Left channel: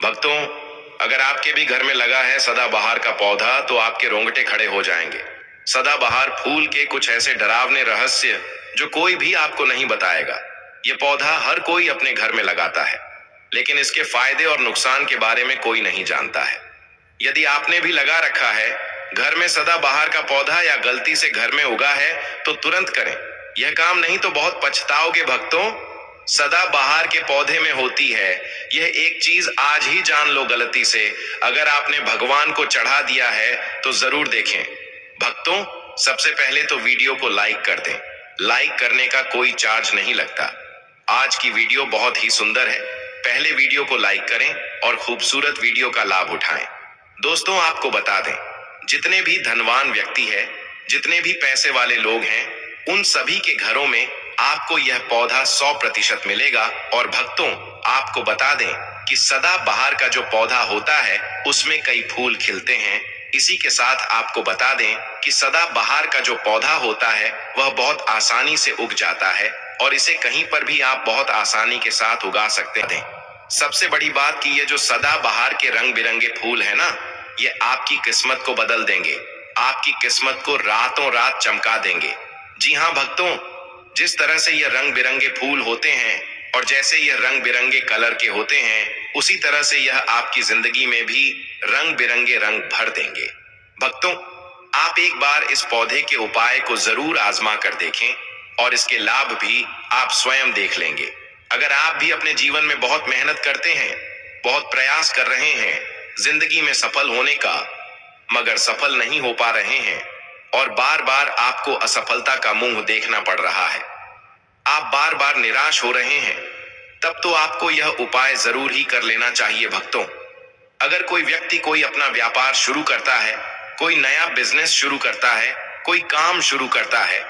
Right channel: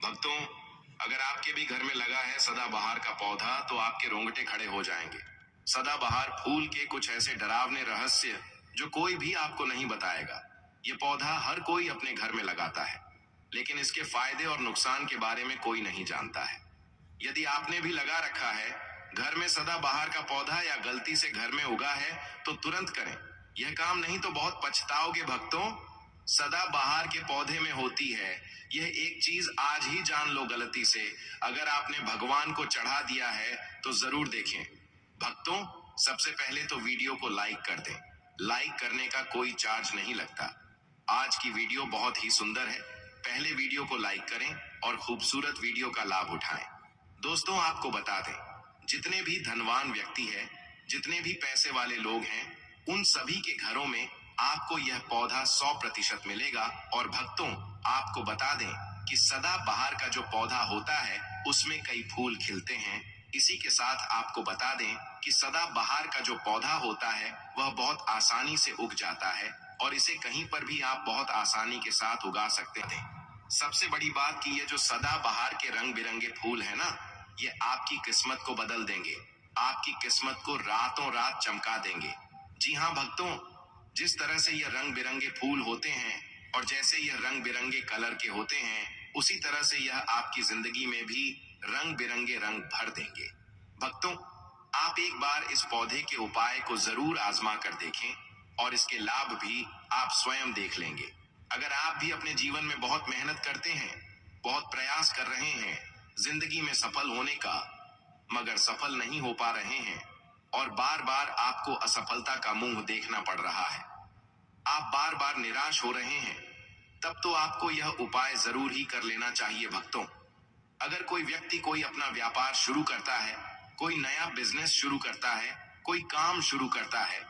भक्तों, अगर आपके भी घर में लगा है सदाबहार का पौधा तो आपके रोंगटे खड़े हो जाएंगे। सदाबहार फूल के कुछ ऐसे डरावने रहस्य जो कोई भी आपको नहीं बताएगा। ये पौधा हर कोई अपने घर में लगाता है, लेकिन इसके फायदे और नुकसान के बारे में कोई नहीं जानता है। यदि आपने भी लगा रखा है घर में सदाबहार का पौधा या गलती से घर में उगा है तो तुरंत करें। यह काम नहीं तो बहुत पछताओगे भक्तों। सदाबहार के पौधे में होती है यह एक चीज, आज ही जान लो गलती से। अगर आपने भगवान को चढ़ा दिया है तो जरूर देखें। भक्तों, सबसे पहले तो वीडियो को लाइक कर दें। लाइक करने का कोई चार्ज नहीं लगता। आज की वीडियो बहुत ही सुंदर है। पहले वीडियो को लाइक करें और खूबसूरत वीडियो का लाभ उठाएं। दोस्तों, आपको बता दें, जितने भी धनवान व्यक्ति है, जितने भी पैसे वाले लोग हैं, उन सभी के घरों में आपको यह पौधा 100% मिलेगा। और भक्तों, आपको बता दें कि सदाबहार का जो पौधा होता है उसमें कई फूल खिलते हैं। इसी के साथ आपको बता दें कि सदाबहार का जो पौधा होता है वह बहुत आसानी से उग जाता है और इसे कहीं पर भी आप बहुत आसानी के साथ उगा सकते हैं। सबसे बड़ी बात कि ये जो सदाबहार के रंग बिरंगे फूल है ना, ये आपकी किस्मत को बदल देंगे। आपकी किस्मत को रातों रात चमका देंगे। जी हाँ भक्तों, जिस तरह से ये रंग बिरंगे फूल होते हैं और जैसे ये रंग बिरंगे कलर के होते हैं, उसी तरह से यह आपकी जिंदगी में भी रंग बिरंगे रंग भर देंगे। भक्तों, आप एक बार इस पौधे के उपाय को जरूर आजमा कर देखें और इसके लाभ भी आप स्वयं देख लेंगे। अगर आप भी अपने जीवन में बहुत मेहनत करते हैं, बहुत प्रयास कर रहे हैं जिंदगी में सफल होने का, मगर सफल नहीं हो पा रहे हैं और बार बार आपको असफलता का मुंह देखना पड़ रहा है, आप बार बार निराश हो रहे हैं, तब तो आपको यह उपाय जरूर ही कर लेना चाहिए भक्तों। अगर कोई व्यक्ति कोई अपना व्यापार शुरू करता है, कोई नया बिजनेस शुरू करता है, कोई काम शुरू करता है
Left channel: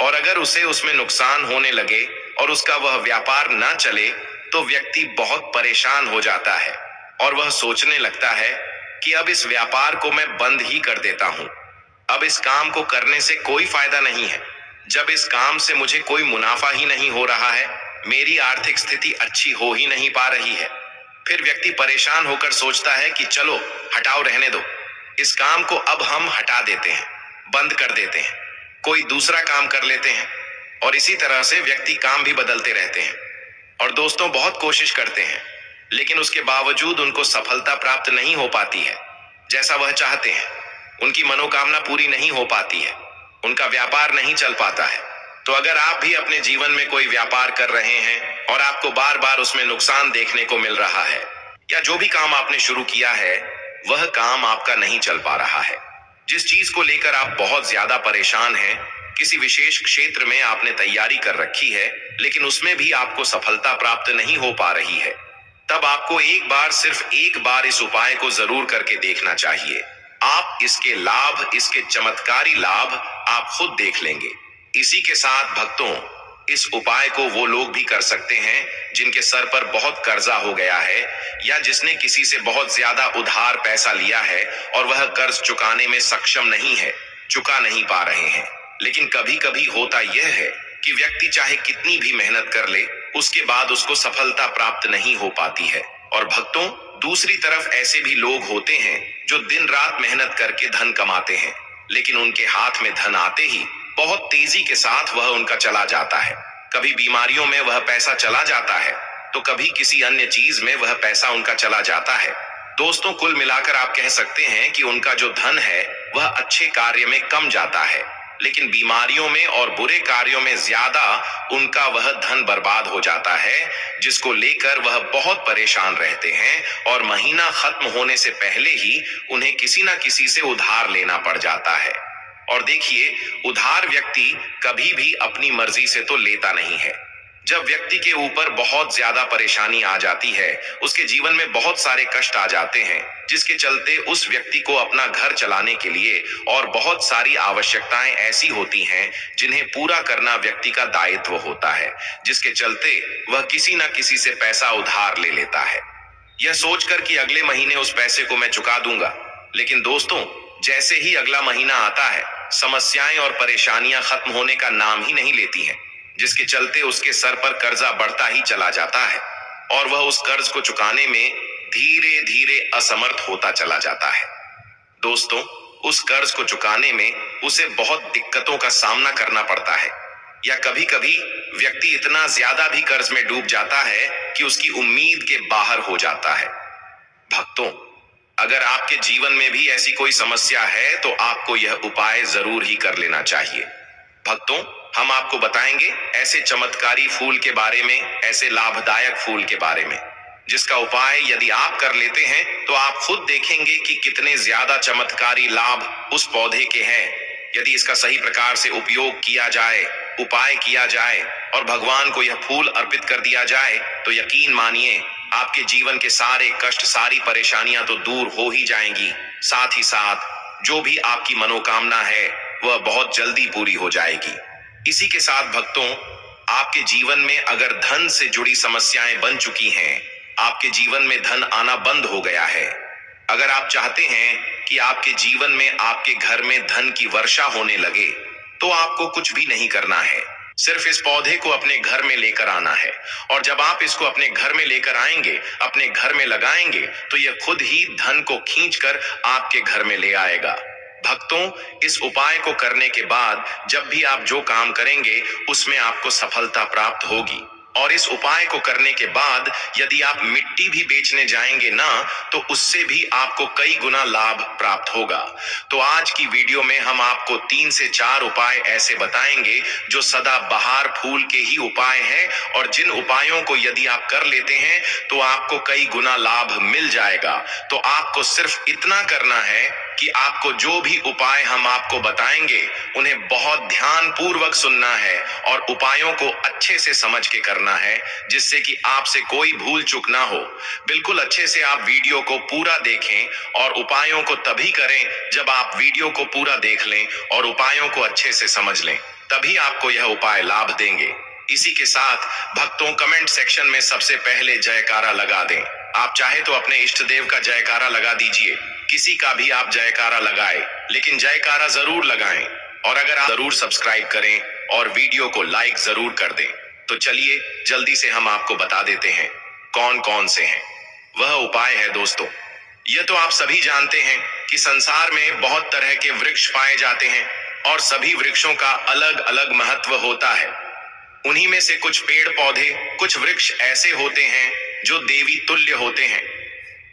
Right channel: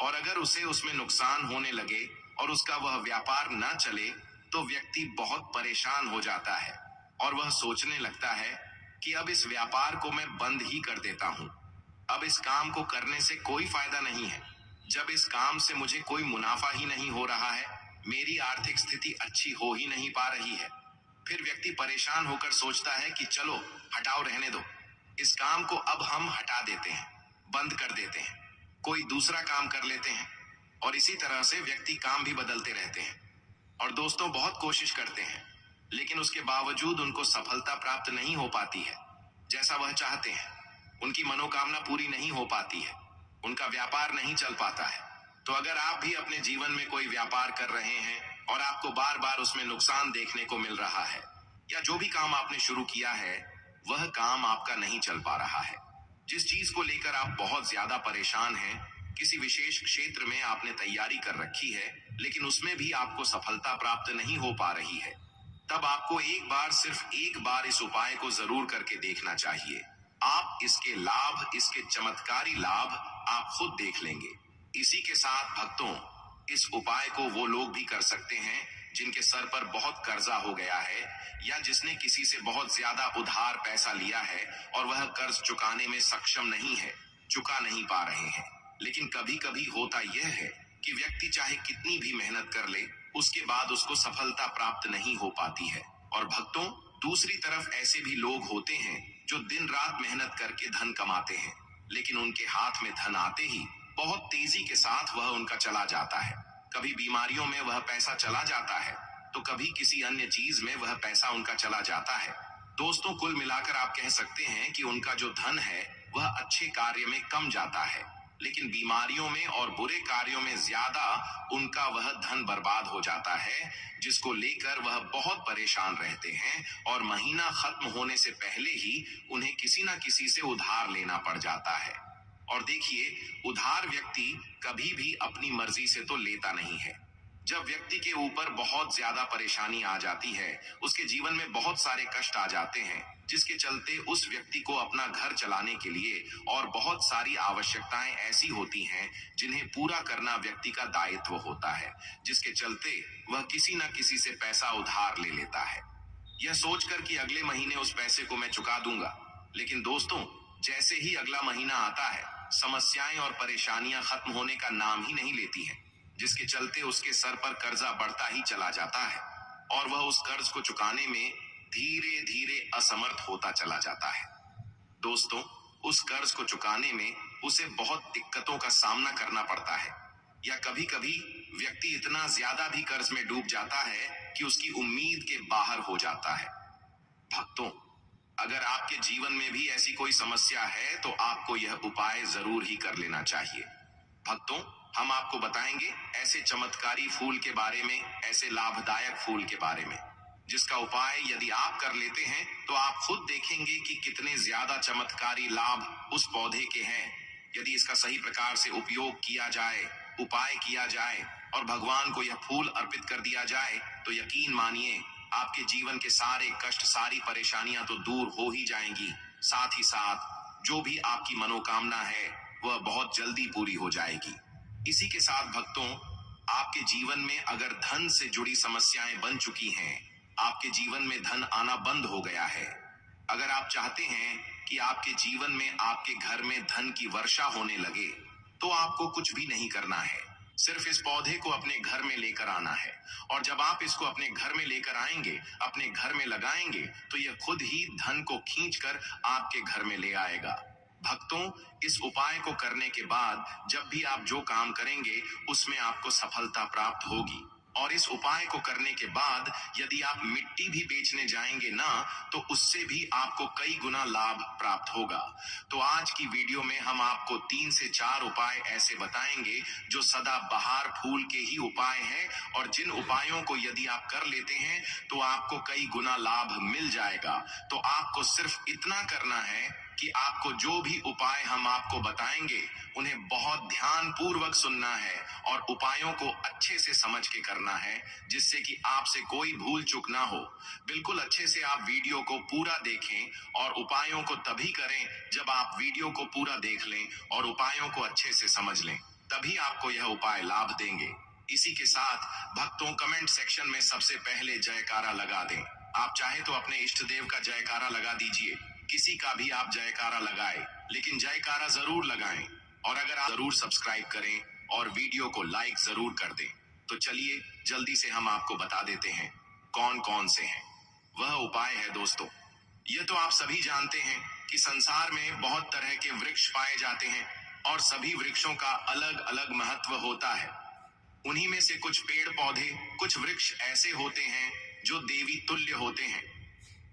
और अगर उसे उसमें नुकसान होने लगे और उसका वह व्यापार ना चले तो व्यक्ति बहुत परेशान हो जाता है और वह सोचने लगता है कि अब इस व्यापार को मैं बंद ही कर देता हूं। अब इस काम को करने से कोई फायदा नहीं है। जब इस काम से मुझे कोई मुनाफा ही नहीं हो रहा है, मेरी आर्थिक स्थिति अच्छी हो ही नहीं पा रही है। फिर व्यक्ति परेशान होकर सोचता है कि चलो हटाओ, रहने दो, इस काम को अब हम हटा देते हैं, बंद कर देते हैं, कोई दूसरा काम कर लेते हैं। और इसी तरह से व्यक्ति काम भी बदलते रहते हैं और दोस्तों बहुत कोशिश करते हैं, लेकिन उसके बावजूद उनको सफलता प्राप्त नहीं हो पाती है जैसा वह चाहते हैं। उनकी मनोकामना पूरी नहीं हो पाती है, उनका व्यापार नहीं चल पाता है। तो अगर आप भी अपने जीवन में कोई व्यापार कर रहे हैं और आपको बार बार उसमें नुकसान देखने को मिल रहा है, या जो भी काम आपने शुरू किया है वह काम आपका नहीं चल पा रहा है, जिस चीज को लेकर आप बहुत ज्यादा परेशान हैं, किसी विशेष क्षेत्र में आपने तैयारी कर रखी है लेकिन उसमें भी आपको सफलता प्राप्त नहीं हो पा रही है, तब आपको एक बार, सिर्फ एक बार इस उपाय को जरूर करके देखना चाहिए। आप इसके लाभ, इसके चमत्कारी लाभ आप खुद देख लेंगे। इसी के साथ भक्तों, इस उपाय को वो लोग भी कर सकते हैं जिनके सर पर बहुत कर्जा हो गया है या जिसने किसी से बहुत ज्यादा उधार पैसा लिया है और वह कर्ज चुकाने में सक्षम नहीं है, चुका नहीं पा रहे हैं। लेकिन कभी कभी होता यह है कि व्यक्ति चाहे कितनी भी मेहनत कर ले, उसके बाद उसको सफलता प्राप्त नहीं हो पाती है। और भक्तों, दूसरी तरफ ऐसे भी लोग होते हैं जो दिन रात मेहनत करके धन कमाते हैं, लेकिन उनके हाथ में धन आते ही बहुत तेजी के साथ वह उनका चला जाता है। कभी बीमारियों में वह पैसा चला जाता है तो कभी किसी अन्य चीज में वह पैसा उनका चला जाता है। दोस्तों, कुल मिलाकर आप कह सकते हैं कि उनका जो धन है वह अच्छे कार्य में कम जाता है, लेकिन बीमारियों में और बुरे कार्यों में ज्यादा उनका वह धन बर्बाद हो जाता है, जिसको लेकर वह बहुत परेशान रहते हैं और महीना खत्म होने से पहले ही उन्हें किसी ना किसी से उधार लेना पड़ जाता है। और देखिए, उधार व्यक्ति कभी भी अपनी मर्जी से तो लेता नहीं है। जब व्यक्ति के ऊपर बहुत ज्यादा परेशानी आ जाती है, उसके जीवन में बहुत सारे कष्ट आ जाते हैं, जिसके चलते उस व्यक्ति को अपना घर चलाने के लिए और बहुत सारी आवश्यकताएं ऐसी होती हैं जिन्हें पूरा करना व्यक्ति का दायित्व होता है, जिसके चलते वह किसी ना किसी से पैसा उधार ले लेता है, यह सोचकर कि अगले महीने उस पैसे को मैं चुका दूंगा। लेकिन दोस्तों, जैसे ही अगला महीना आता है, समस्याएं और परेशानियां खत्म होने का नाम ही नहीं लेती हैं, जिसके चलते उसके सर पर कर्जा बढ़ता ही चला जाता है और वह उस कर्ज को चुकाने में धीरे धीरे असमर्थ होता चला जाता है। दोस्तों, उस कर्ज को चुकाने में उसे बहुत दिक्कतों का सामना करना पड़ता है, या कभी कभी व्यक्ति इतना ज्यादा भी कर्ज में डूब जाता है कि उसकी उम्मीद के बाहर हो जाता है। भक्तों, अगर आपके जीवन में भी ऐसी कोई समस्या है तो आपको यह उपाय जरूर ही कर लेना चाहिए। भक्तों, हम आपको बताएंगे ऐसे चमत्कारी फूल के बारे में, ऐसे लाभदायक फूल के बारे में, जिसका उपाय यदि आप कर लेते हैं तो आप खुद देखेंगे कि कितने ज्यादा चमत्कारी लाभ उस पौधे के हैं। यदि इसका सही प्रकार से उपयोग किया जाए, उपाय किया जाए और भगवान को यह फूल अर्पित कर दिया जाए तो यकीन मानिए आपके जीवन के सारे कष्ट, सारी परेशानियां तो दूर हो ही जाएंगी। साथ ही साथ जो भी आपकी मनोकामना है वह बहुत जल्दी पूरी हो जाएगी। इसी के साथ भक्तों, आपके जीवन में अगर धन से जुड़ी समस्याएं बन चुकी हैं, आपके जीवन में धन आना बंद हो गया है, अगर आप चाहते हैं कि आपके जीवन में, आपके घर में धन की वर्षा होने लगे, तो आपको कुछ भी नहीं करना है। सिर्फ इस पौधे को अपने घर में लेकर आना है, और जब आप इसको अपने घर में लेकर आएंगे, अपने घर में लगाएंगे, तो यह खुद ही धन को खींचकर आपके घर में ले आएगा। भक्तों, इस उपाय को करने के बाद जब भी आप जो काम करेंगे उसमें आपको सफलता प्राप्त होगी। और इस उपाय को करने के बाद यदि आप मिट्टी भी बेचने जाएंगे ना, तो उससे भी आपको कई गुना लाभ प्राप्त होगा। तो आज की वीडियो में हम आपको 3 से 4 उपाय ऐसे बताएंगे जो सदा बहार फूल के ही उपाय हैं, और जिन उपायों को यदि आप कर लेते हैं तो आपको कई गुना लाभ मिल जाएगा। तो आपको सिर्फ इतना करना है कि आपको जो भी उपाय हम आपको बताएंगे उन्हें बहुत ध्यान पूर्वक सुनना है और उपायों को अच्छे से समझ के करना है, जिससे कि आपसे कोई भूल चूक ना हो। बिल्कुल अच्छे से आप वीडियो को पूरा देखें और उपायों को तभी करें जब आप वीडियो को पूरा देख लें और उपायों को अच्छे से समझ लें, तभी आपको यह उपाय लाभ देंगे। इसी के साथ भक्तों, कमेंट सेक्शन में सबसे पहले जयकारा लगा दें। आप चाहे तो अपने इष्ट देव का जयकारा लगा दीजिए, किसी का भी आप जयकारा लगाएं, लेकिन जयकारा जरूर लगाएं। और अगर आप जरूर सब्सक्राइब करें और वीडियो को लाइक जरूर कर दें। तो चलिए जल्दी से हम आपको बता देते हैं कौन कौन से हैं वह उपाय है। दोस्तों, यह तो आप सभी जानते हैं कि संसार में बहुत तरह के वृक्ष पाए जाते हैं और सभी वृक्षों का अलग अलग महत्व होता है। उन्हीं में से कुछ पेड़ पौधे, कुछ वृक्ष ऐसे होते हैं जो देवी तुल्य होते हैं।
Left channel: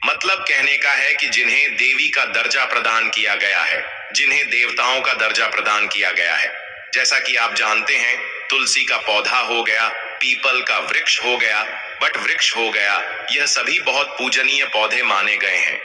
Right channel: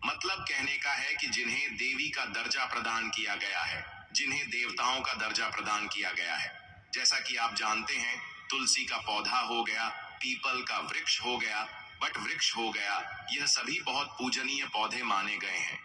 मतलब कहने का है कि जिन्हें देवी का दर्जा प्रदान किया गया है, जिन्हें देवताओं का दर्जा प्रदान किया गया है। जैसा कि आप जानते हैं, तुलसी का पौधा हो गया, पीपल का वृक्ष हो गया, वट वृक्ष हो गया, यह सभी बहुत पूजनीय पौधे माने गए हैं।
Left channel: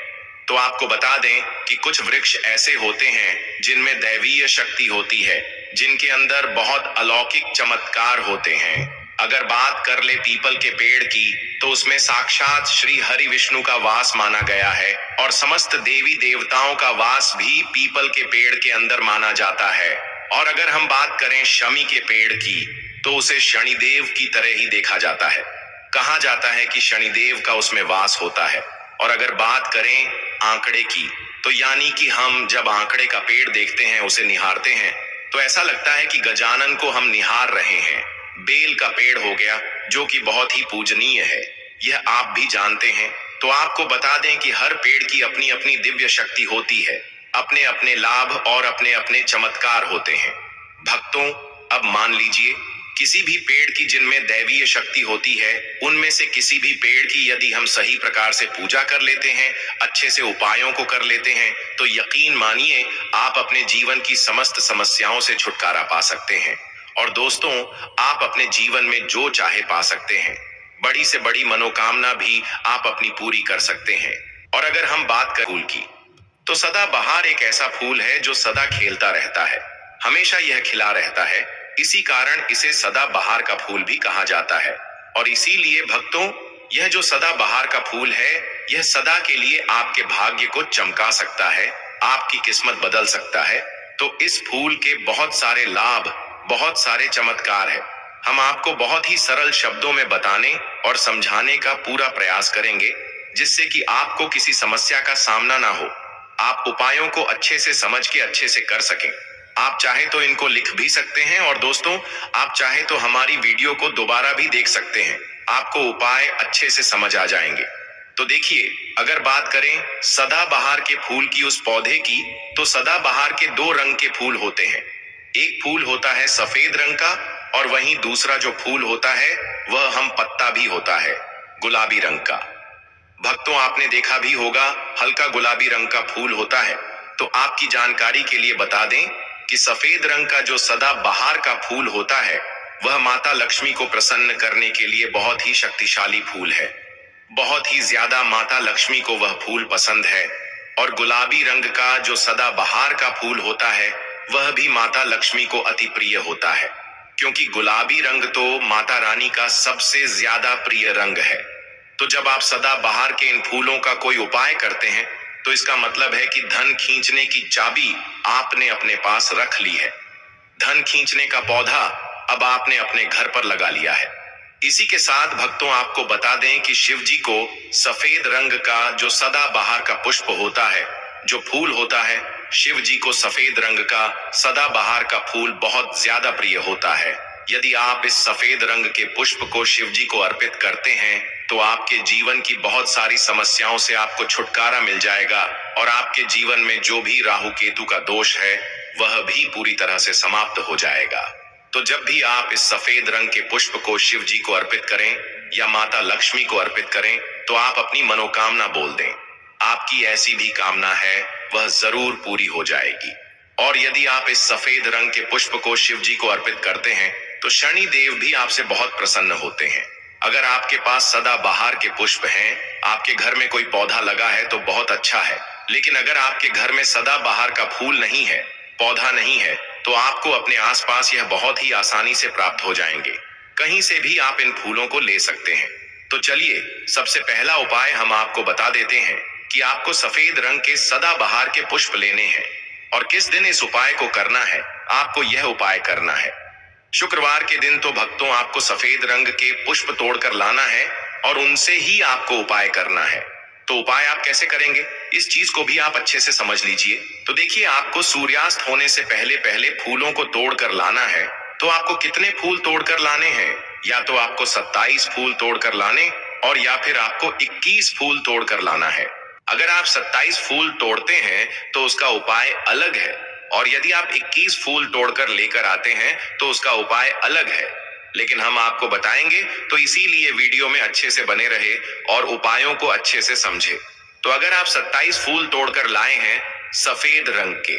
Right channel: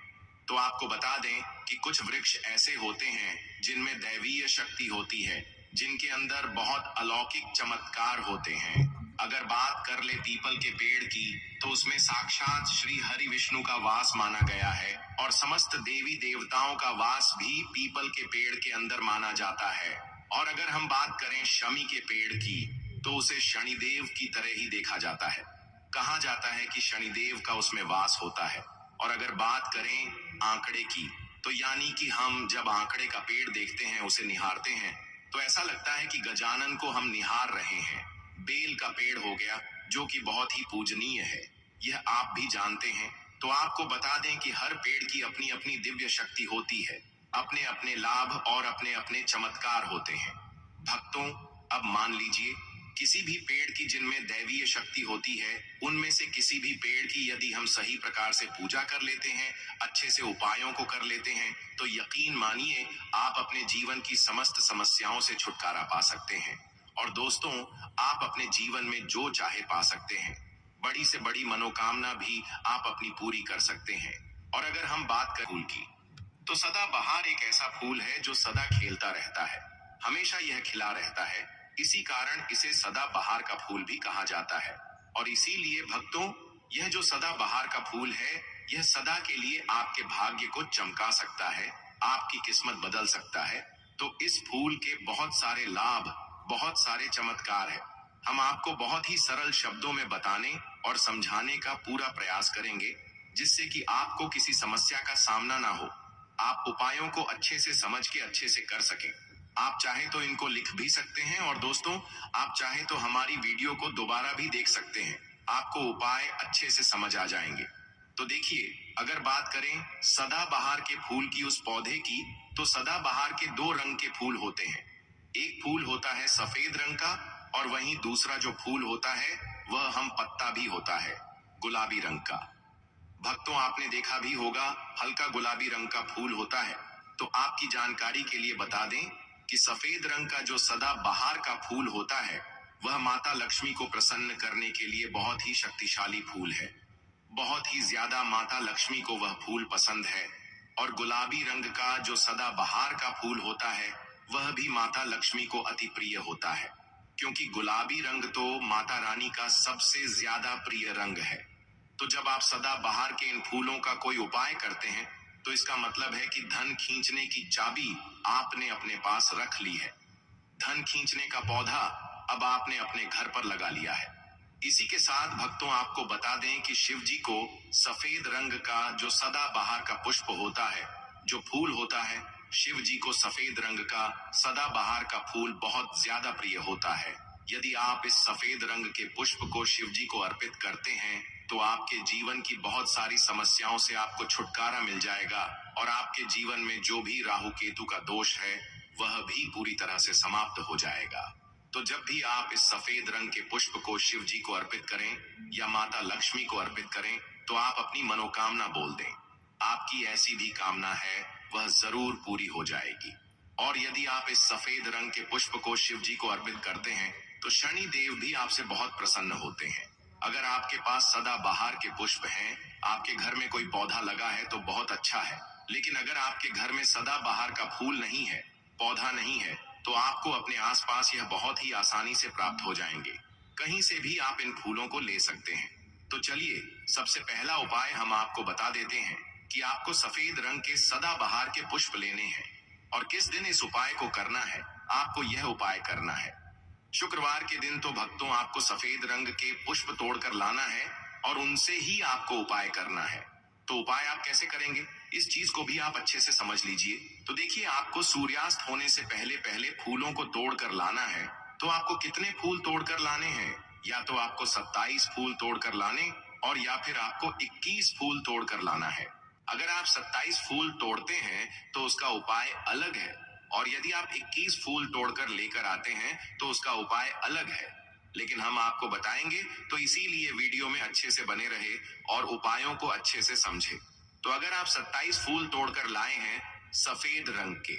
तो आपको बता दें कि कुछ वृक्ष ऐसे होते हैं जिनमें दैवीय शक्ति होती है, जिनके अंदर बहुत अलौकिक चमत्कार होते हैं। अगर बात कर ले पीपल के पेड़ की, तो उसमें साक्षात श्री हरि विष्णु का वास माना गया है और समस्त देवी देवताओं का वास भी पीपल के पेड़ के अंदर माना जाता है। और अगर हम बात करें शमी के पेड़ की, तो उसे शनिदेव की तरह ही देखा जाता है। कहा जाता है कि शनिदेव का उसमें वास होता है। और अगर बात करें आंकड़े की, तो यानी कि हम जब आंकड़े का पेड़ देखते हैं, उसे निहारते हैं, तो ऐसा लगता है कि गजानन को हम निहार रहे हैं। बेल का पेड़ हो गया, जो कि बहुत ही पूजनीय है, यह आप भी जानते हैं। तो आपको बता दें कि हर पेड़ की अपनी अपनी दिव्य शक्ति होती है, अपने अपने लाभ और अपने अपने चमत्कार होते हैं। भक्तों, अब मान लीजिए किसी भी पेड़ की जिनमें दैवीय शक्ति होती है, उनमें से किसी भी पेड़ की यदि हम सही प्रकार से पूजा कर लेते हैं, अच्छे से उपायों को कर लेते हैं, तो यकीन मानिए आप अपने जीवन की समस्त समस्याओं से छुटकारा पा सकते हैं। और दोस्तों, आप अपने जीवन में जो चाहे पा सकते हैं। बड़ी से बड़ी मनोकामना भी आप अपनी पूरी कर सकते हैं। और अगर हम बात करें फूल की, तो सदाबहार एक ऐसा फूल है जो सदा खेलता रहता है, हमेशा यह खिला रहता है। इसी कारण इसे सदाबहार का फूल भी कहा जाता है। और इसीलिए भक्तों, यह जो सदाबहार का फूल है, यह सदा के लिए आपके भाग्य को चमका सकता है, आपकी किस्मत बदल सकता है। तो इस फूल के बहुत सारे लाभ, बहुत सारे चमत्कार है। हम आपको बहुत ही सरल शब्दों में बताने और समझाने का पूरा प्रयास करेंगे, जिससे कि आपको किसी समस्या का सामना ना हो, आप उपायों को अच्छे से समझ के अच्छे से कर सकें। आप चाहे तो इनको लिख भी सकते हैं, और दोस्तों, आप चाहे तो हमारी वीडियो को दोबारा भी देख सकते हैं, आपको उपाय अच्छे से समझ आ जाएंगे। तो देखिए, अगर बात करें सदाबहार के फूल की उस पौधे की, तो सदाबहार के दो रंग के फूल होते हैं। एक फूल होता है सफेद रंग का, और वहीं दूसरा जो फूल होता है वह हम पत्ता भी होता है, गुलाबी रंग का। भक्तों, आपने देखा भी होगा, हल्का गुलाबी रंग का फूल होता है। तो आपकी जानकारी के लिए बता दें कि सफेद रंग का जो सदाबहार का फूल होता है वह माता लक्ष्मी को प्रसन्न करने के लिए बहुत ही शक्तिशाली फूल है। बहुत ही ज्यादा माता लक्ष्मी को वह फूल पसंद है। और गुलाबी रंग का जो सदाबहार का फूल होता है वह भी माता लक्ष्मी को अति प्रिय होता है, क्योंकि गुलाबी रंग तो माता रानी का सबसे ज्यादा प्रिय रंग है। तो जब आप सदाबहार के इन फूलों का कोई उपाय करते हैं तो इसका मतलब है कि धन खींचने की चाबी आपने अपने पास रख ली है। धन खींचने का पौधा अब आपने अपने घर पर लगा लिया है। इसी के साथ भक्तों, आपको बता दें कि शिव जी को सफेद रंग का जो सदाबहार का पुष्प होता है, जो फूल होता है, शिव जी को सफेद रंग का सदाबहार का फूल बहुत ज्यादा प्रिय होता है। यदि आप इस सफेद रंग के पुष्प को शिव जी को अर्पित करते हैं तो आपके जीवन की बहुत सारी समस्याओं से आपको छुटकारा मिल जाएगा, और आपके जीवन में जो भी राहु केतु का दोष है वह भी पूरी तरह से समाप्त हो जाएगा। तो जब भी आप इस सफेद रंग के पुष्प को शिव जी को अर्पित करें या माता लक्ष्मी को अर्पित करें तो आप अपनी मनोकामना बोल दें। आपकी ऐसी भी कामना है वह जरूर पूरी हो जाएगी। और यदि आप इस सफेद रंग के पुष्प को शिव जी को अर्पित करते हैं तो शनि देव भी आपसे बहुत प्रसन्न होते हैं। अगर आपके पास सदाबहार के पुष्प हैं, आपके घर में कोई पौधा लगा है तो बहुत अच्छा है। लेकिन अगर आपके घर में सदाबहार का फूल नहीं है, पौधा नहीं है, तो आपको अपने आसपास यह बहुत ही आसानी से प्राप्त हो जाएंगे। कहीं से भी आप इन फूलों को ले सकते हैं। तो चलिए, सबसे पहला उपाय हम आपको बता देते हैं कि आपको सफेद रंग के सदाबहार के पुष्प लेने हैं। और किस दिन इस उपाय को करना है, आपको यह उपाय करना है शुक्रवार के दिन। तो भक्तों, आपको सफेद रंग के पुष्प तोड़कर लाना है और उनसे ही आपको उपाय करना है। तो उपाय आप कैसे करेंगे, इस चीज को भी आप अच्छे से समझ लीजिए। तो देखिए, आपको सूर्यास्त होने से पहले पहले फूलों को तोड़कर लाना है। तो आपको कितने फूल तोड़कर लाने हैं, या तो आपको 27 फूल तोड़कर लाने, और या फिर आपको 21 फूल तोड़कर लाना है। अगर आप 27 फूल तोड़ते हैं तो उसका उपाय अलग है, और यदि आप 21 फूल तोड़कर लेकर आते हैं तो उसका उपाय अलग है। लेकिन हम आपको बताएंगे, तो इसीलिए वीडियो में अच्छे से बने रहे और उपायों को अच्छे से समझे। तो अगर आप 27 फूल तोड़कर लाए हैं सफेद रंग के,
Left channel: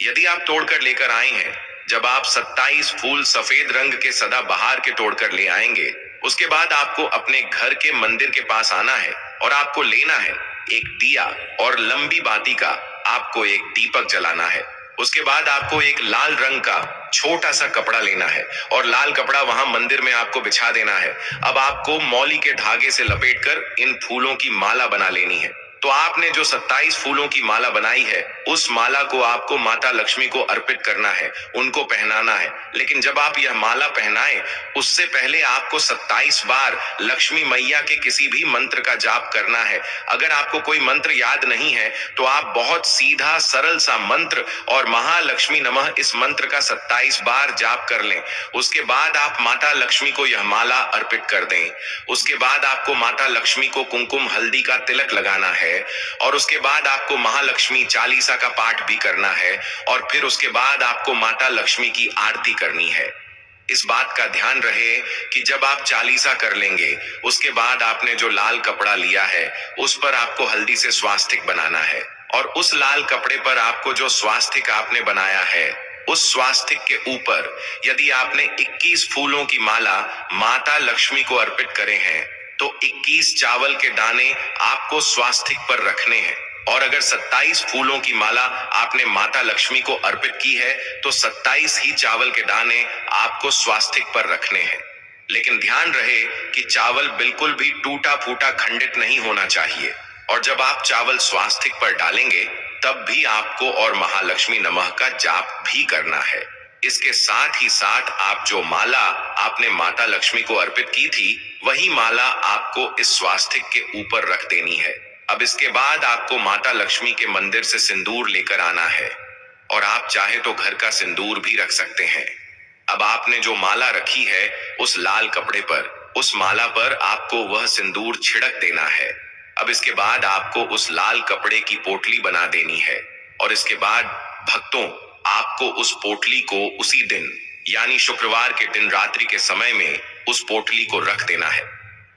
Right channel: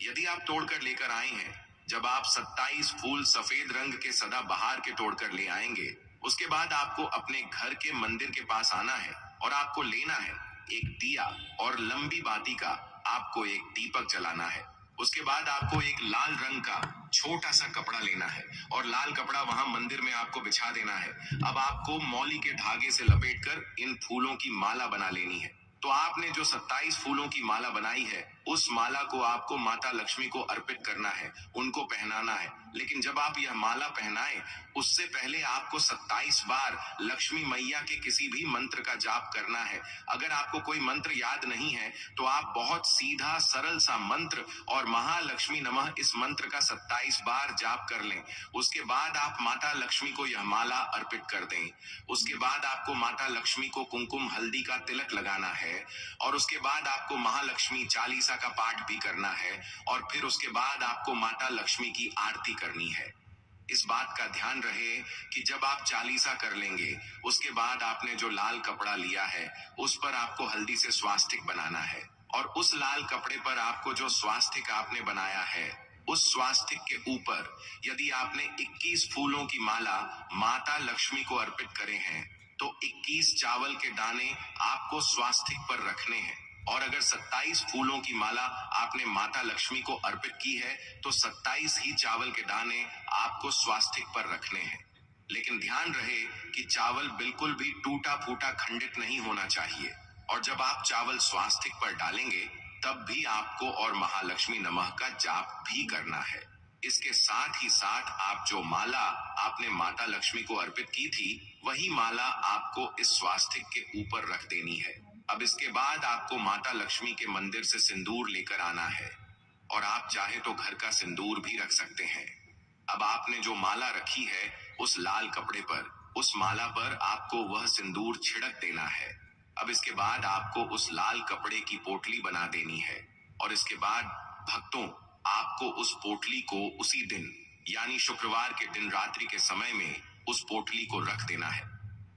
यदि आप तोड़कर लेकर आए हैं, जब आप 27 फूल सफेद रंग के सदाबहार के तोड़कर ले आएंगे, उसके बाद आपको अपने घर के मंदिर के पास आना है और आपको लेना है एक दिया, और लंबी बाती का आपको एक दीपक जलाना है। उसके बाद आपको एक लाल रंग का छोटा सा कपड़ा लेना है और लाल कपड़ा वहां मंदिर में आपको बिछा देना है। अब आपको मौली के धागे से लपेटकर इन फूलों की माला बना लेनी है। तो आपने जो 27 फूलों की माला बनाई है, उस माला को आपको माता लक्ष्मी को अर्पित करना है, उनको पहनाना है। लेकिन जब आप यह माला पहनाएं, उससे पहले आपको 27 बार लक्ष्मी मैया के किसी भी मंत्र का जाप करना है। अगर आपको कोई मंत्र याद नहीं है तो आप बहुत सीधा सरल सा मंत्र और महालक्ष्मी नमः इस मंत्र का 27 बार जाप कर लें। उसके बाद आप माता लक्ष्मी को यह माला अर्पित कर दें। उसके बाद आपको माता लक्ष्मी को कुमकुम हल्दी का तिलक लगाना है, और उसके बाद आपको महालक्ष्मी चालीसा का पाठ भी करना है, और फिर उसके बाद आपको माता लक्ष्मी की आरती करनी है। इस बात का ध्यान रहे कि जब आप चालीसा कर लेंगे, उसके बाद आपने जो लाल कपड़ा लिया है उस पर आपको हल्दी से स्वास्तिक बनाना है, और उस लाल कपड़े पर आपको जो स्वास्तिक आपने बनाया है, उस स्वास्तिक के ऊपर यदि आपने 21 फूलों की माला माता लक्ष्मी को अर्पित करे हैं तो 21 चावल के दाने आपको स्वास्तिक पर रखने हैं। और अगर 27 फूलों की माला आपने माता लक्ष्मी को अर्पित की है तो 27 ही चावल के दाने आपको स्वास्तिक पर रखने हैं। लेकिन ध्यान रहे कि चावल बिल्कुल भी टूटा फूटा खंडित नहीं होना चाहिए। और जब आप चावल स्वास्तिक पर डालेंगे तब भी आपको और महालक्ष्मी नमः का जाप भी करना है। इसके साथ ही साथ आप जो माला आपने माता लक्ष्मी को अर्पित की थी, वही माला आपको इस स्वास्तिक के ऊपर रख देनी है। अब इसके बाद आपको माता लक्ष्मी के मंदिर से सिंदूर लेकर आना है, और आप चाहे तो घर का सिंदूर भी रख सकते हैं। अब आपने जो माला रखी है उस लाल कपड़े पर, उस माला पर आपको वह सिंदूर छिड़क देना है। अब इसके बाद आपको उस लाल कपड़े की पोटली बना देनी है और इसके बाद भक्तों, आपको उस पोटली को उसी दिन यानी शुक्रवार के दिन रात्रि के समय में उस पोटली को रख देना है।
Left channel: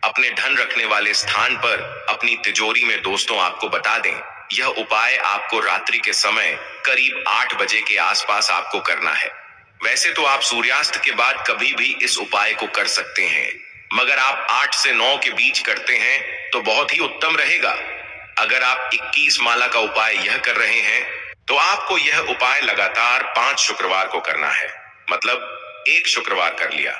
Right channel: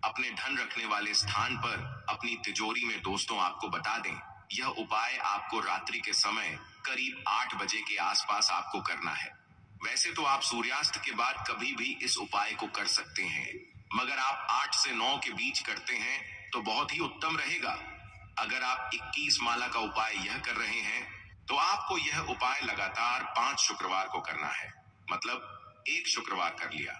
अपने धन रखने वाले स्थान पर अपनी तिजोरी में। दोस्तों, आपको बता दें, यह उपाय आपको रात्रि के समय करीब 8 बजे के आसपास आपको करना है। वैसे तो आप सूर्यास्त के बाद कभी भी इस उपाय को कर सकते हैं, मगर आप 8 से 9 के बीच करते हैं तो बहुत ही उत्तम रहेगा। अगर आप 21 माला का उपाय यह कर रहे हैं तो आपको यह उपाय लगातार 5 शुक्रवार को करना है। मतलब एक शुक्रवार कर लिया,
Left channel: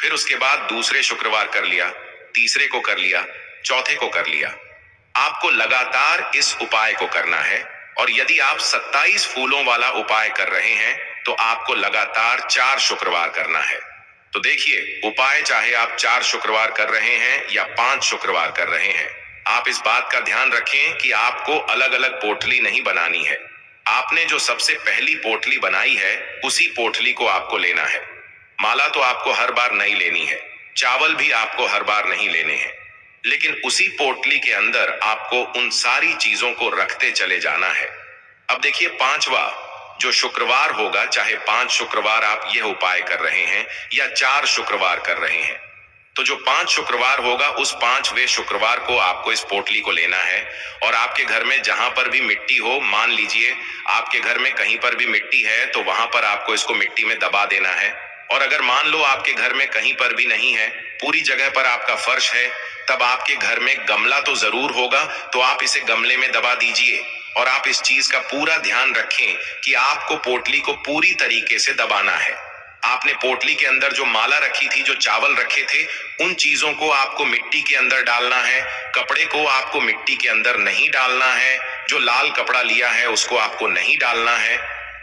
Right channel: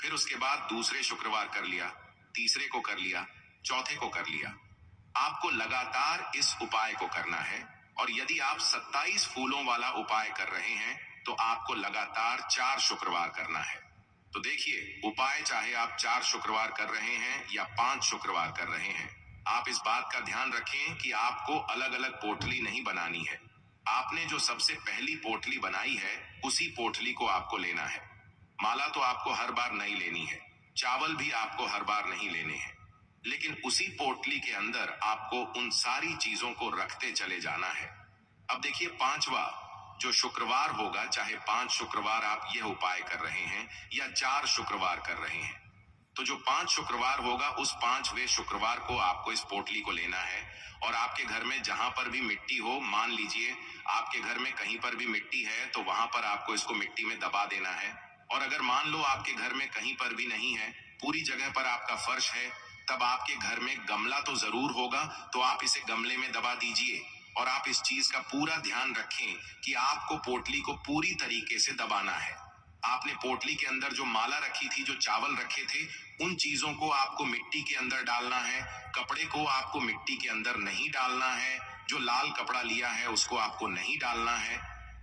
फिर उसके बाद दूसरे शुक्रवार कर लिया, तीसरे को कर लिया, चौथे को कर लिया। आपको लगातार इस उपाय को करना है। और यदि आप 27 फूलों वाला उपाय कर रहे हैं तो आपको लगातार 4 शुक्रवार करना है। तो देखिए, उपाय चाहे आप 4 शुक्रवार कर रहे हैं या 5 शुक्रवार कर रहे हैं, आप इस बात का ध्यान रखें कि आपको अलग अलग पोटली नहीं बनानी है। आपने जो सबसे पहली पोटली बनाई है उसी पोटली को आपको लेना है। माला तो आपको हर बार नहीं लेनी है, चावल भी आपको हर बार नहीं लेने हैं, लेकिन उसी पोटली के अंदर आपको उन सारी चीजों को रखते चले जाना है। अब देखिए, 5वां जो शुक्रवार होगा, चाहे 5 शुक्रवार आप यह उपाय कर रहे हैं या 4 शुक्रवार कर रहे हैं, तो जो 5 शुक्रवार होगा उस 5वें शुक्रवार को आपको इस पोटली को लेना है और आपके घर में जहां पर भी मिट्टी हो, मान लीजिए आपके घर में कहीं पर भी मिट्टी है तो वहां पर आपको इसको मिट्टी में दबा देना है। और अगर मान लो आपके घर में कहीं पर भी नहीं है, पूरी जगह पर आपका फर्श है, तब आपके घर में गमला तो जरूर होगा, तो आप इसे गमले में दबा दीजिए। और आप इस चीज का पूरा ध्यान रखें कि आपको पोटली को पूरी तरीके से दबाना है। आपने पोटली के अंदर जो माला रखी थी, जो चावल रखे थे, उन चीजों को आपको मिट्टी के अंदर डालना है। कपड़े को आपको मिट्टी के अंदर नहीं डालना है। जो लाल कपड़ा लिया है उसको आपको नहीं डालना है।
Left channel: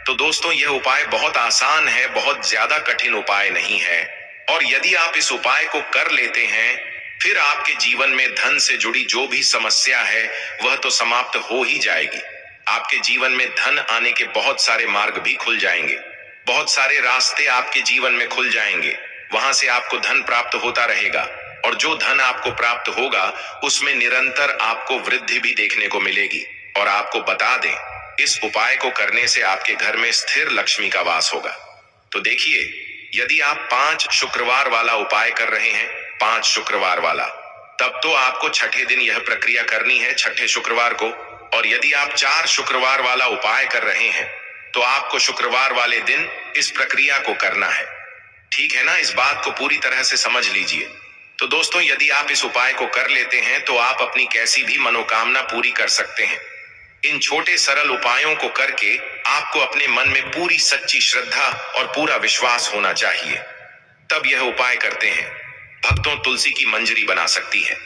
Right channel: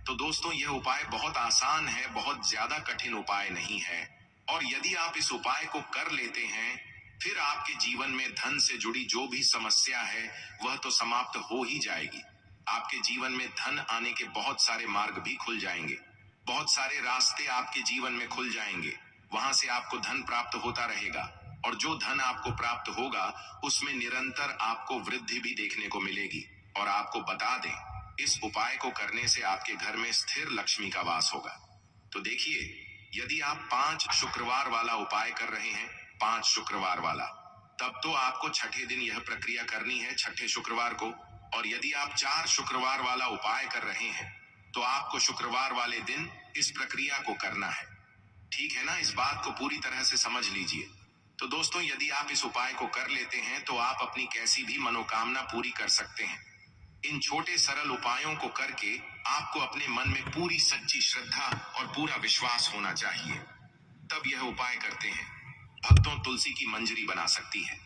तो दोस्तों, यह उपाय बहुत आसान है, बहुत ज्यादा कठिन उपाय नहीं है। और यदि आप इस उपाय को कर लेते हैं, फिर आपके जीवन में धन से जुड़ी जो भी समस्या है वह तो समाप्त हो ही जाएगी। आपके जीवन में धन आने के बहुत सारे मार्ग भी खुल जाएंगे, बहुत सारे रास्ते आपके जीवन में खुल जाएंगे। वहां से आपको धन प्राप्त होता रहेगा और जो धन आपको प्राप्त होगा उसमें निरंतर आपको वृद्धि भी देखने को मिलेगी। और आपको बता दें, इस उपाय को करने से आपके घर में स्थिर लक्ष्मी का वास होगा। तो देखिए, यदि आप 5 शुक्रवार वाला उपाय कर रहे हैं, 5 शुक्रवार वाला, तब तो आपको छठे दिन यह प्रक्रिया करनी है, छठे शुक्रवार को। और यदि आप 4 शुक्रवार वाला उपाय कर रहे हैं तो आपको शुक्रवार वाले दिन इस प्रक्रिया को करना है। ठीक है ना? इस बात को पूरी तरह से समझ लीजिए। तो दोस्तों, यदि आप इस उपाय को कर लेते हैं तो आप अपनी कैसी भी मनोकामना पूरी कर सकते हैं। इन छोटे सरल उपायों को करके आपको अपने मन में पूरी सच्ची श्रद्धा और पूरा विश्वास होना चाहिए, तब यह उपाय करते हैं। भक्तों, तुलसी की मंजरी बना सकती है।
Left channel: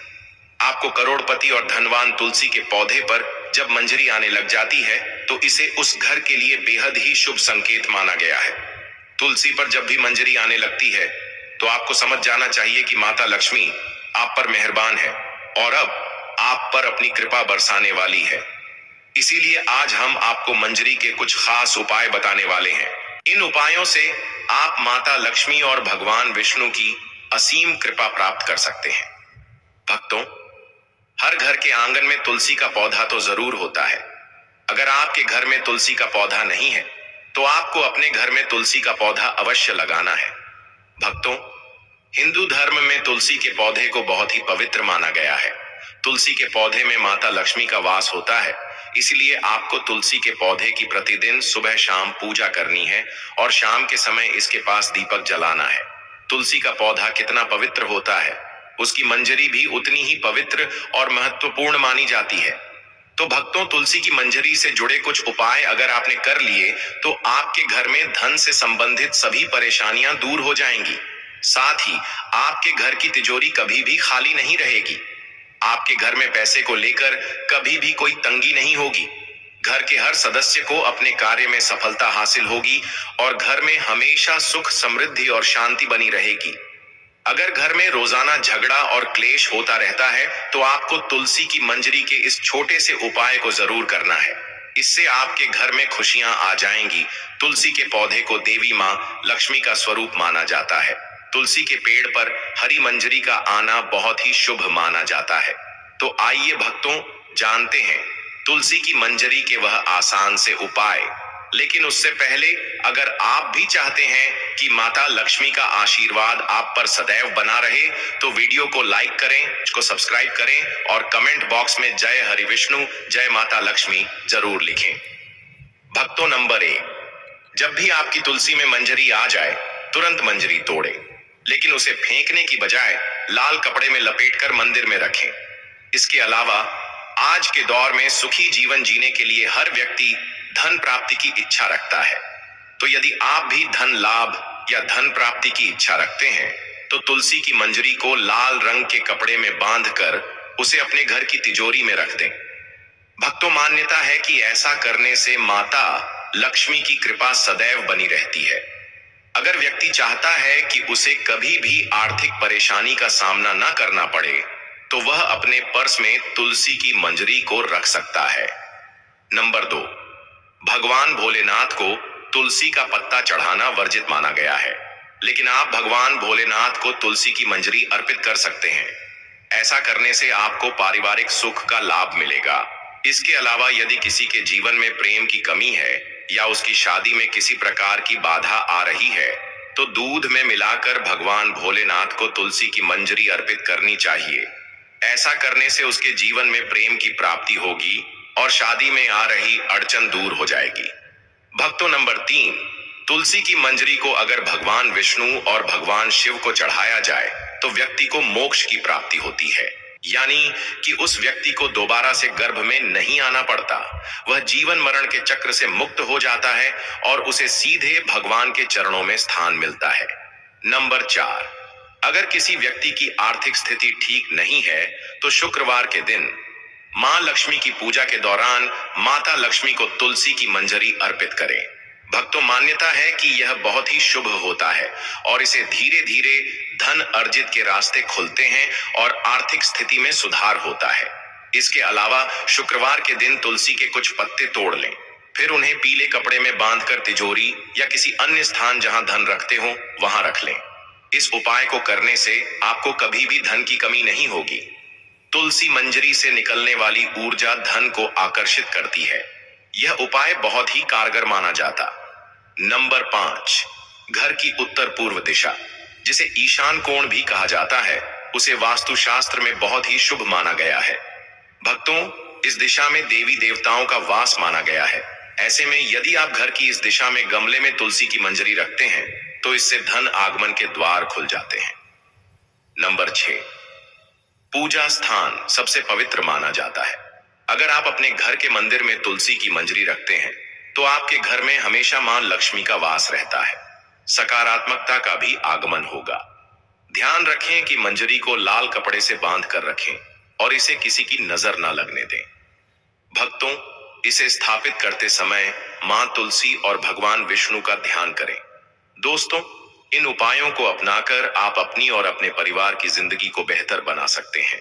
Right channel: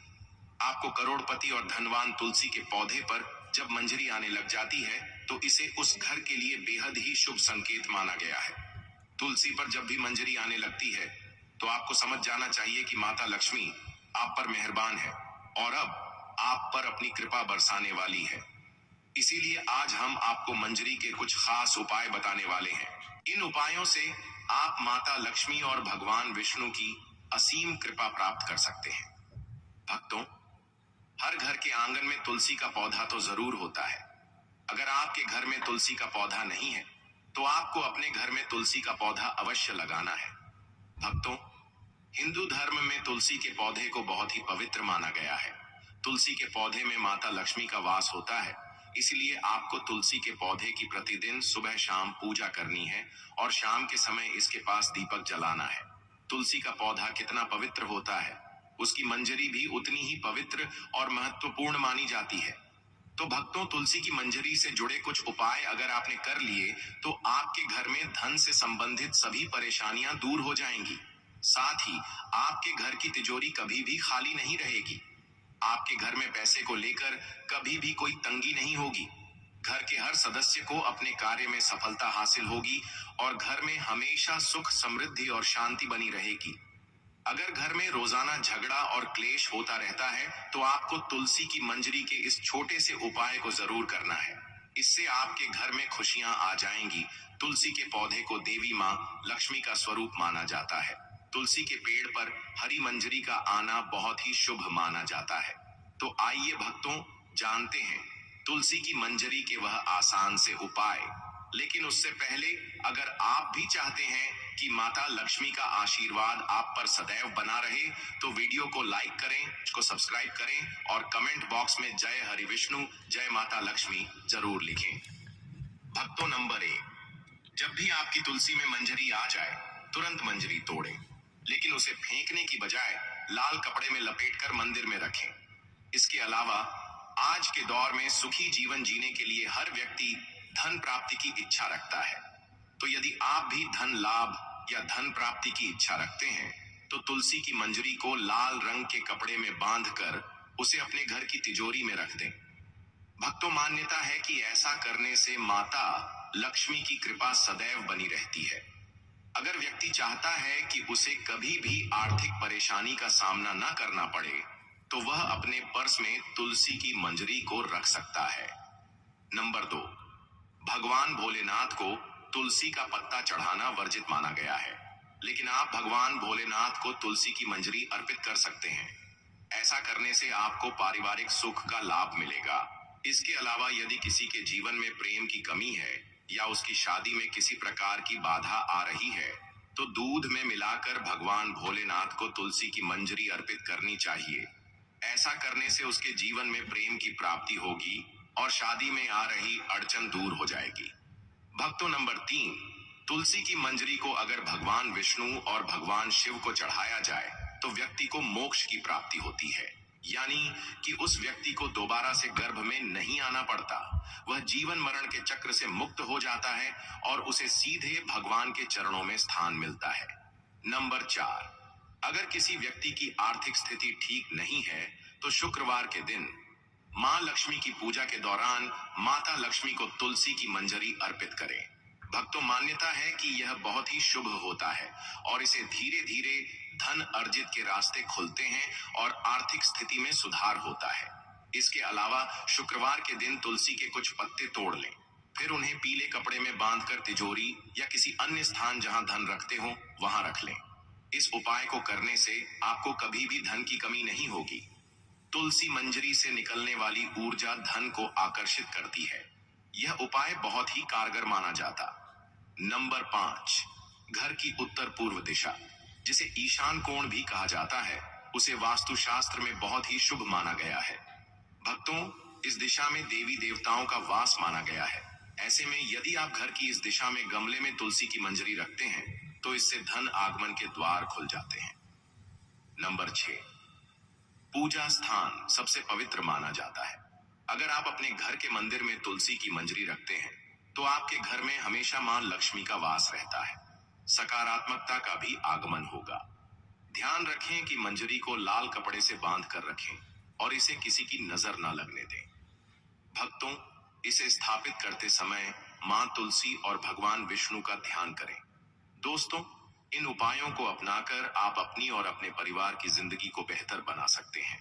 आपको करोड़पति और धनवान तुलसी के पौधे पर जब मंजरी आने लग जाती है तो इसे उस घर के लिए बेहद ही शुभ संकेत माना गया है। तुलसी पर जब भी मंजरी आने लगती है तो आपको समझ जाना चाहिए कि माता लक्ष्मी आप पर मेहरबान है और अब आप पर अपनी कृपा बरसाने वाली है। इसीलिए आज हम आपको मंजरी के कुछ खास उपाय बताने वाले हैं। इन उपायों से आप माता लक्ष्मी और भगवान विष्णु की असीम कृपा प्राप्त कर सकते हैं। भक्तों, हर घर के आंगन में तुलसी का पौधा तो जरूर होता है। अगर आपके घर में तुलसी का पौधा नहीं है तो आपको अपने घर में तुलसी का पौधा अवश्य लगाना है। भक्तों, हिंदू धर्म में तुलसी के पौधे को बहुत ही पवित्र माना गया है। तुलसी के पौधे में माता लक्ष्मी का वास होता है, इसलिए आपको तुलसी के पौधे की प्रतिदिन सुबह शाम पूजा करनी है और शाम के समय इसके पास दीपक जलाना है। तुलसी का पौधा कितना पवित्र होता है, उसकी मंजरी भी उतनी ही पवित्र और महत्वपूर्ण मानी जाती है। तो भक्तों, तुलसी की मंजरी से जुड़े कुछ उपाय अगर आपने कर लिए तो आपके घर में धन से संबंधित सभी परेशानियां दूर हो जाएंगी। साथ ही आपके घर की तिजोरी कभी भी खाली नहीं रहेगी। आपके घर में पैसे को लेकर कभी भी कोई तंगी नहीं होगी। घर के हर सदस्य को अपने कार्य में सफलता हासिल होगी और घर में हमेशा सुख, समृद्धि और शांति बनी रहेगी। अगर घर में रोजाना झगड़ा और क्लेश होता रहता है तो आपको तुलसी की मंजरी के इस छोटे से उपाय को जरूर करना है। इससे आपके घर में खुशियां आ जाएंगी। तुलसी के पौधे को देवी मां लक्ष्मी का स्वरूप माना जाता है। तुलसी के पेड़ पर हरी मंजरी का आना बहुत ही शुभ माना जाता है। तो आइए भक्तों, जानते हैं तुलसी की मंजरी के वह आसान से उपाय। लेकिन उससे पहले, अगर आप भी चाहते हैं कि माता लक्ष्मी का आशीर्वाद आप पर सदैव बना रहे, तो वीडियो को लाइक करें, इसको सब्सक्राइब करें और कमेंट बॉक्स में जय हरि विष्णु, जय माता लक्ष्मी जरूर लिखें। भक्तों, नंबर 1, जब भी आपकी तुलसी में मंजरी आ जाए, तुरंत मंजरी तोड़े, लेकिन उसे फेंकने की बजाय लाल कपड़े में लपेटकर मंदिर में रखें। इसके अलावा आज के दौर में सुखी जीवन जीने के लिए हर व्यक्ति धन प्राप्ति की इच्छा रखता है। तो यदि आप भी धन लाभ या धन प्राप्ति की इच्छा रखते हैं, तो तुलसी की मंजरी को लाल रंग के कपड़े में बांधकर उसे अपने घर की तिजोरी में रख दें। भक्तों, मान्यता है कि ऐसा करने से माता लक्ष्मी की कृपा सदैव बनी रहती है। अगर व्यक्ति चाहता है कि उसे कभी भी आर्थिक परेशानी का सामना न करना पड़े, तो वह अपने पर्स में तुलसी की मंजरी को रख सकता है। नंबर 2, भगवान भोलेनाथ को तुलसी का पत्ता चढ़ाना वर्जित माना गया है, लेकिन आप भगवान भोलेनाथ को तुलसी की मंजरी अर्पित कर सकते हैं। ऐसा करने से आपको पारिवारिक सुख का लाभ मिलेगा। इसके अलावा यदि किसी के जीवन में प्रेम की कमी है या उसकी शादी में किसी प्रकार की बाधा आ रही है, तो दूध में मिलाकर भगवान भोलेनाथ को तुलसी की मंजरी अर्पित करनी चाहिए। ऐसा करने से उसके जीवन में प्रेम की प्राप्ति होगी और शादी में आ रही अड़चन दूर हो जाएगी। भक्तों, नंबर 3, तुलसी की मंजरी को अगर भगवान विष्णु और भगवान शिव को चढ़ाया जाए, तो व्यक्ति को मोक्ष की प्राप्ति होती है। यानी कि उस व्यक्ति को दोबारा से गर्भ में नहीं आना पड़ता, वह जीवन मरण के चक्र से मुक्त हो जाता है और उसे सीधे भगवान के चरणों में स्थान मिलता है। नंबर 4, अगर किसी व्यक्ति की आर्थिक स्थिति ठीक नहीं है, तो शुक्रवार के दिन मां लक्ष्मी की पूजा के दौरान माता लक्ष्मी को तुलसी की मंजरी अर्पित करें। भक्तों, मान्यता है कि यह बहुत ही शुभ होता है और इसे धीरे धीरे धन अर्जित के रास्ते खुलते हैं और आर्थिक स्थिति में सुधार होता है। इसके अलावा शुक्रवार के दिन तुलसी के कुछ पत्ते तोड़ लें, फिर उन्हें पीले कपड़े में बांधकर तिजोरी या किसी अन्य स्थान जहां धन रखते हो वहां रख लें। इस उपाय को करने से आपको कभी भी धन की कमी नहीं होगी। तुलसी मंजरी से निकलने वाली ऊर्जा धन को आकर्षित करती है। यह उपाय बहुत ही कारगर माना जाता। नंबर 5, घर की उत्तर पूर्व दिशा, जिसे ईशान कोण भी कहा जाता है, उसे वास्तुशास्त्र में बहुत ही शुभ माना गया है। भक्तों, इस दिशा में देवी देवताओं का वास माना गया है। ऐसे में यदि आप घर की इस दिशा में गमले में तुलसी की मंजरी रखते हैं, तो इससे धन आगमन के द्वार खुल जाते हैं। नंबर 6, पूजा स्थान सबसे पवित्र माना जाता है। अगर आप अपने घर के मंदिर में तुलसी की मंजरी रखते हैं, तो आपके घर में हमेशा मां लक्ष्मी का वास रहता है, सकारात्मकता का भी आगमन होगा। ध्यान रखें कि मंजरी को लाल कपड़े से बांध कर रखें और इसे किसी की नजर न लगने दें। भक्तों, इसे स्थापित करते समय मां तुलसी और भगवान विष्णु का ध्यान करें। दोस्तों, इन उपायों को अपनाकर आप अपनी और अपने परिवार की जिंदगी को बेहतर बना सकते हैं।